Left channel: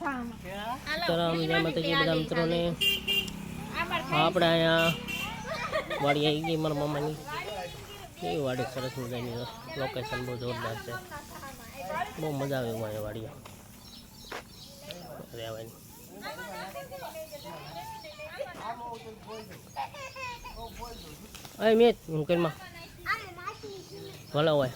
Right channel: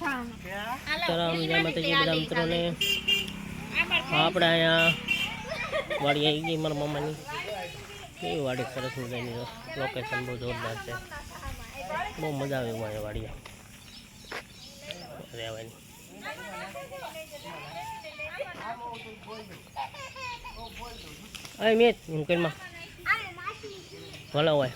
સીતારામ જય માતાજી બધા મિત્રોને આપણે અહીંયા વાડી આવી ગઈ મારા મામાની. એ વાડી સરસ મજાની લોકેશન બહુ જોરદાર છે. બહુ મજા આવે એવું અહીંયા વાડીએ. રહેવાની. અરે મેં મુકેલમાં ભલે હોય.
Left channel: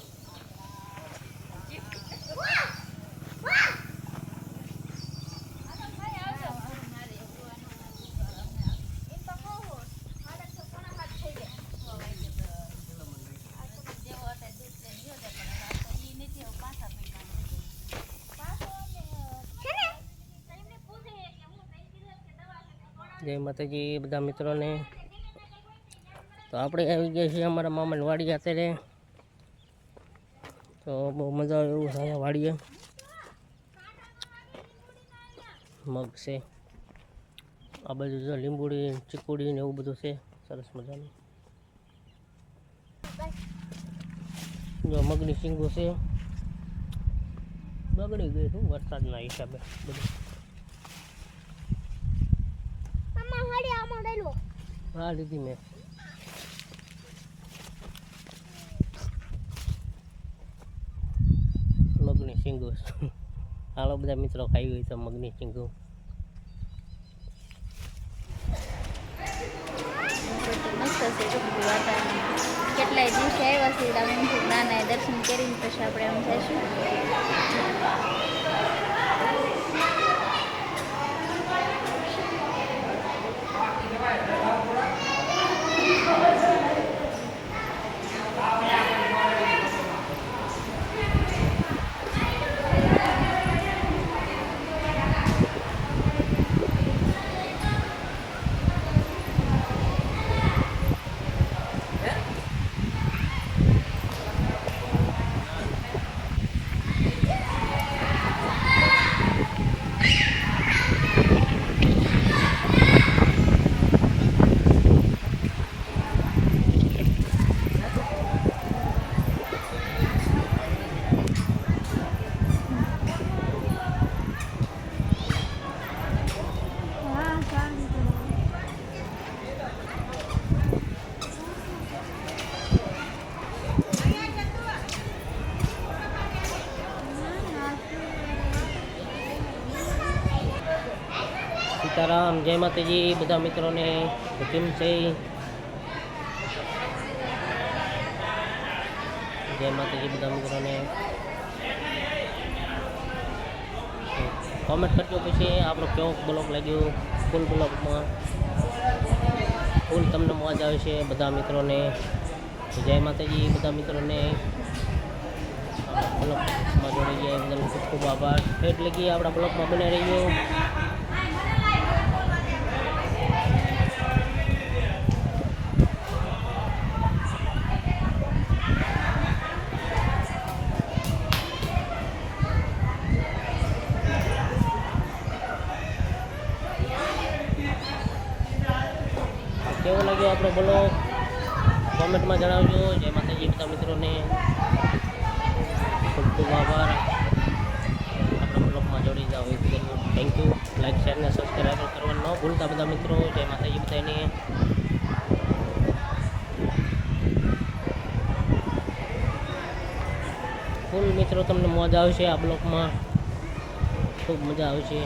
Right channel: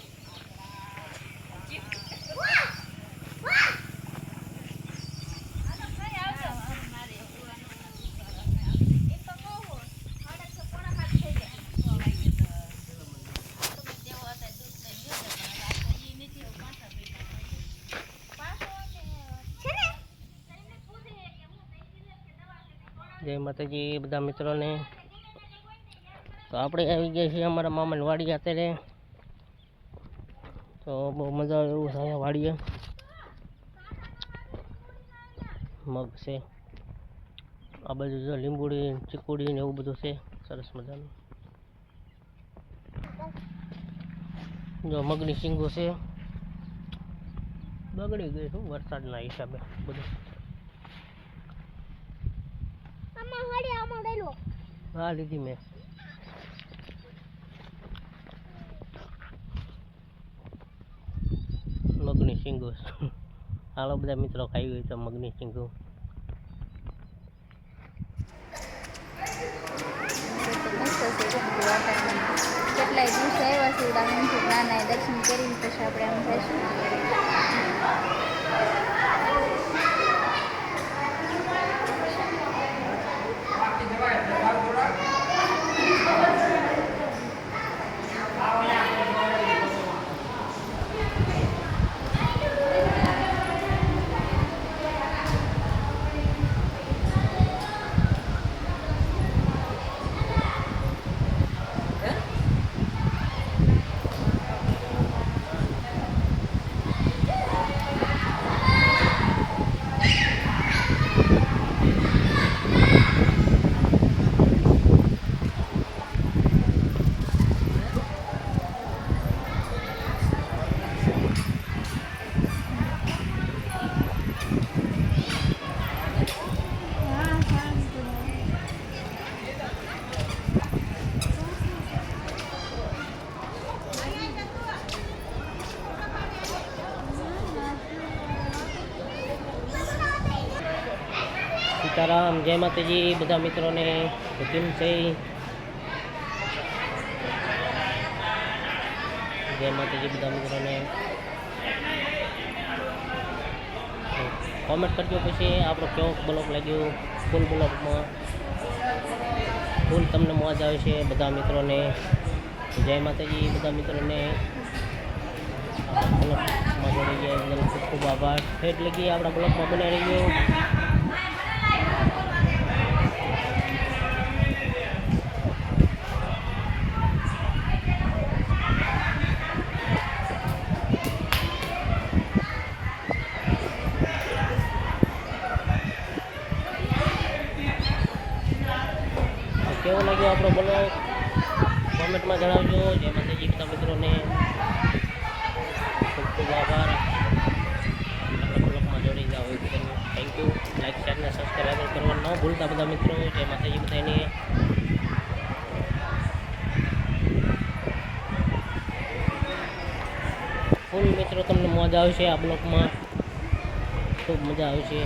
જય માતાજી, બધા મિત્રોને. તો આપણે આવી ગયા છીએ અમારા મામાની વાડી અત્યારે. તો બહુ મજા આવે એવું અહીંયા વાડીએ. મગ છે. આ બાજુ જો લીંબુડી, ચીકુડી ને એવું બધું છે. સરસ મજાનું. જો મગની શીંગો છે. બગડી ગઈ શું વરસાદના હિસાબે બધું. હા લીધી મેં. મગની શીંગો. હાલો બધા મિત્રો, ખાઈ ગઈ તો મગની શીંગો. કેટલાય દિવસે આવ્યા છે નાના દર્શન કરીને પછી આપણે આમ જઈશું. સીતારામ, જય માતાજી, બધા મિત્રોને કેમ છે જય માતાજી, બધા મિત્રોને. કોમેન્ટ કરજો પછી આપણો કેવો બ્લોક લાગ્યો ફૂલ બ્લોકમાં. ફૂલ તમને મોજ આવે છે બધા મિત્રોને. જય માતાજી, બધા મિત્રોને. બ્લોગમાં જોડી ગયા ખૂબ ખૂબ આભાર. ફેટ લગી આપણા બ્લોકમાં બને રહીયો. કેવો લાગ્યો આપણો બ્લોગ કોમેન્ટમાં જણાવજો. જય માતાજી, બધા મિત્રોને ખૂબ ખૂબ આભાર. આપણા બ્લોગમાં જોડી જાઓ એ બદલ થેન્ક યુ લાઇક શેર અને સબસ્ક્રાઈબ કરવા ન ભૂલતા બધા મિત્રો. જય માતાજી બધાને. ફૂલ મિત્રો, તમને મજા આવશે આ બ્લોગમાં. ખૂબ મજા આવશે.